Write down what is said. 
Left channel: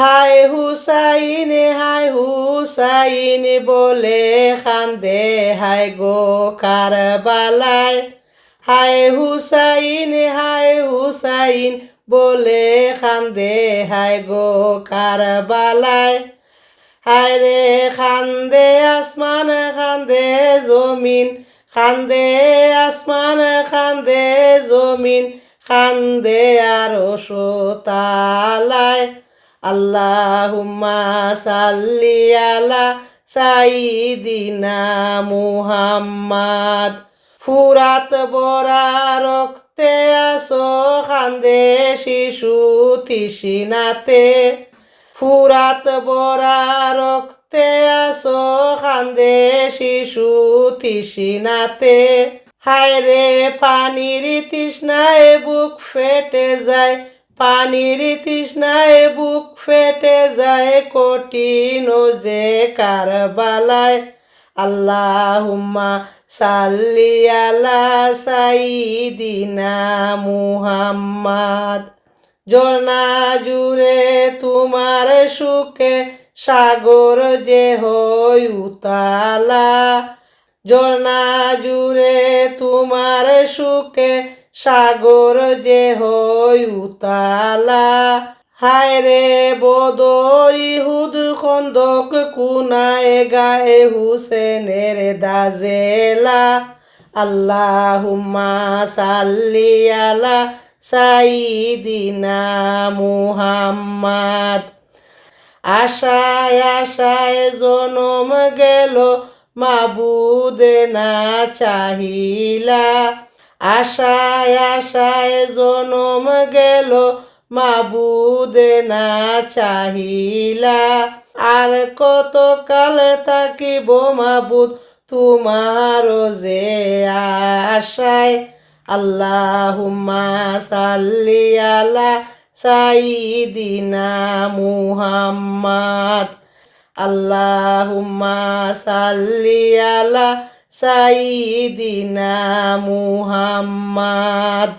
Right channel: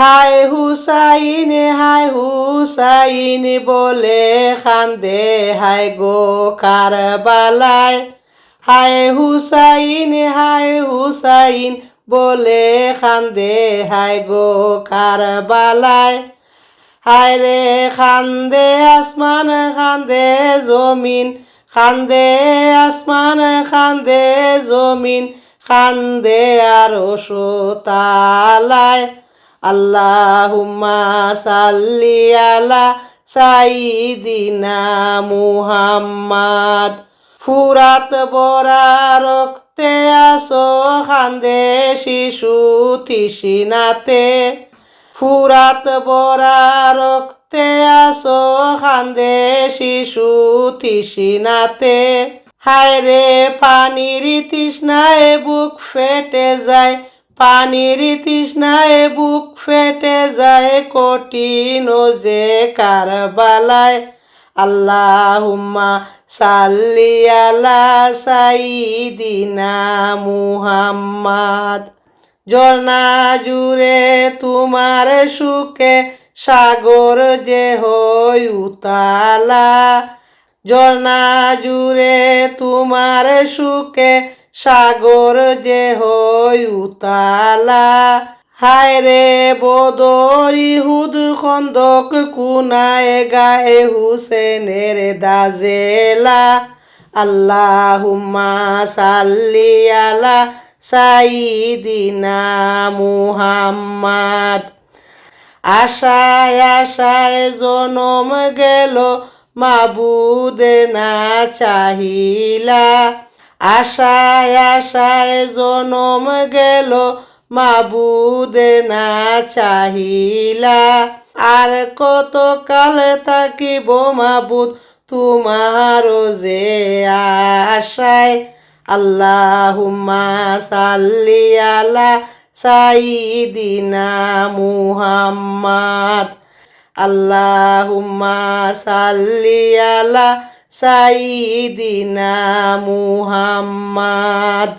হায় হুসাইন বলে খান্দে হায় গো কারবালায়। হায় হুসাইন বলে খান্দে হায় গো কারবালায়। হায় রে খান্দে আসমান খান্দে জমিন, খান্দে আসমান খান্দে জমিন, খান্দে আরশ তালায়। আল্লাহুম্মা সাল্লি আলা সাইয়্যিদিনা মুহাম্মাদ। ফুরাত বরা রক্তে আসো খান্দে শিশু তৃষ্ণাতে। ফুরাত বরা রক্তে আসো খান্দে শিশু তৃষ্ণাতে। হায় রে পানির তৃষ্ণায় বুক ফেটে যায়, পানির তৃষ্ণায় বুক ফেটে যায়, কঠিন যে কারবালায়। আল্লাহুম্মা সাল্লি আলা সাইয়্যিদিনা মুহাম্মাদ। ঝর্ণা জুড়ে তোমার সুখে সাগর যে হয় উতালা। ঝর্ণা জুড়ে তোমার সুখে সাগর যে হয় উতালা। হায় রে বদর ইহুদ খন্দক কুনায় গায়ে হুসেনের দাজেলা। আল্লাহুম্মা সাল্লি আলা সাইয়্যিদিনা মুহাম্মাদ। আশায় আশায় জনম গেল মাবুদ না চাহিলা। আশায় আশায় জনম গেল মাবুদ না চাহিলা। আর কত কাল থাকিব মাবুদ তোমার যে আশায়। আল্লাহুম্মা সাল্লি আলা সাইয়্যিদিনা মুহাম্মাদ। আল্লাহুম্মা সাল্লি আলা সাইয়্যিদিনা মুহাম্মাদ।